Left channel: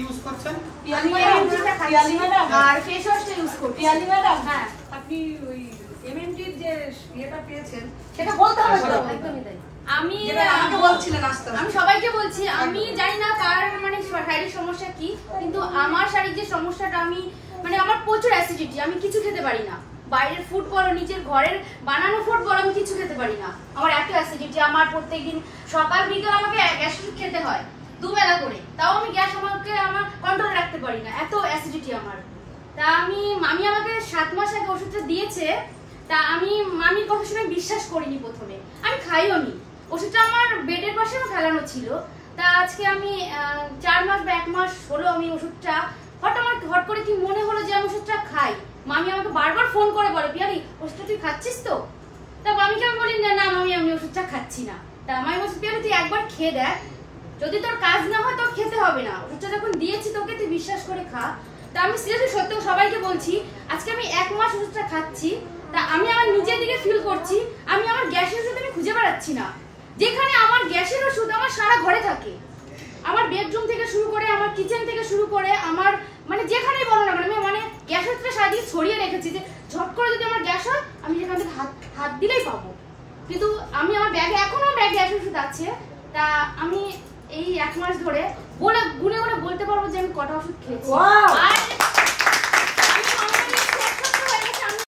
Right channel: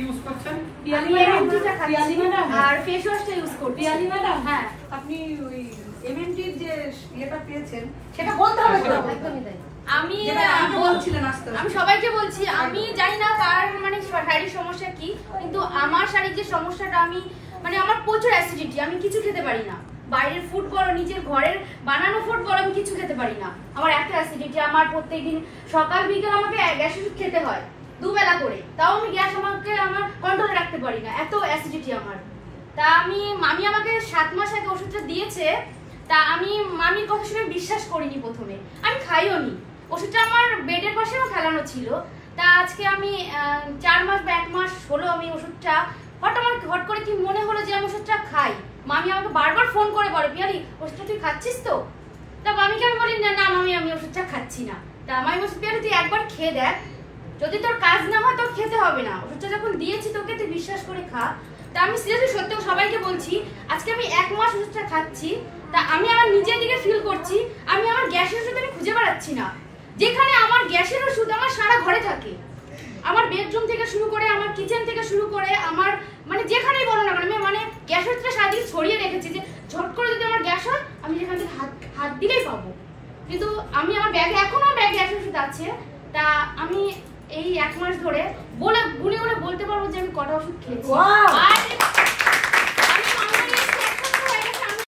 Use করছেন? Piyali madam আর face ওয়াশটা use করছি। Piyali madam, হ্যাঁ, আপনি ওই এমএনটির যে ইয়েটা পেয়েছেন সেটা বলতে হবে তো। একদমই তাই। আমি বলছিলেন আস্তে আমি সবাইকে বলছি, আমি জানি না কার মানে শারীরিক সমস্যা কি, কিন্তু আমার শারীরিক যে সমস্যাটা, আমি মানে আমার প্রচুর অ্যাসিডিটি, আমি কিছু খেতে পারি না। বাইরের ফুড বলো, নিজের ঘরের বানানো ফুড বলো, আমি কিছু খেতে পারি না। আমার এত অ্যাসিডিটি, আমার প্রত্যেকদিন সকাল বিকাল আমাকে গ্যাস ওষুধ খেতে হয় দুবেলা করে, তাও আমি গ্যাস আমার কন্ট্রোলে রাখতে পারি না, এত অ্যাসিডিটি আমার। তা মামি আমাকে 7 মাস আগে ওষুধটা দিয়েছে, তা আমি মামির কথা শুনে বিশ্বাস করিনি প্রথমে, আমি খাইও নি। ওষুধটা আমার বেডের পাশে ফেলানো ছিল। তা আজকে আমি 4 মাস বা 1 মাস হলো আমি ওষুধটা হট করে কি মনে হলো যে আমি ওষুধটা খাই। মামি আমাকে বারবার ফোন করে বলে, পিয়ালি ওষুধটা তুই খাচ্ছিস তো? তা মামিকে আমি বলি, না মামি আমি ওষুধটা খাচ্ছি না। তা মামি বলছে, পিয়ালি তুই একবার খেয়ে দেখ, যদি তোর কাজ না হয় তোর খেতে হবে না, ওষুধটা যখন দিয়েছি তোকে তুই বিশ্বাস করে খা। তা আমি সিরিয়াসলি সত্যি সবাইকে বলছি, আজকে আমি 1 মাস ওষুধটা খাচ্ছি। তা আমি আমার নিজের দিকে ফিল করছি, আমি আমার গ্যাসের ওষুধ আমি খুঁজে বেড়াচ্ছি না। যেখানে আমার গ্যাসের ওষুধ আমার সারা ঘরে থাকে, আমার বেডরুম থেকে শুরু করে, আমার কিচেন থেকে শুরু করে, আমার মানে যেখানেই বলো না, আমি মানে গ্যাস ওষুধটা সারাদিন ছড়িয়ে রেখেছি, যে ঝট করে যদি আমার গ্যাস হয় আমি যেখান থেকে হাত দিলেই পাবো। কিন্তু আমি আমার ব্যাগে এখনো গ্যাস ওষুধ আছে। তা আমি এই 1 মাস ধরে গুনে গুনে বলতে পারবো যে আমি কটা ওষুধ খেয়েছি।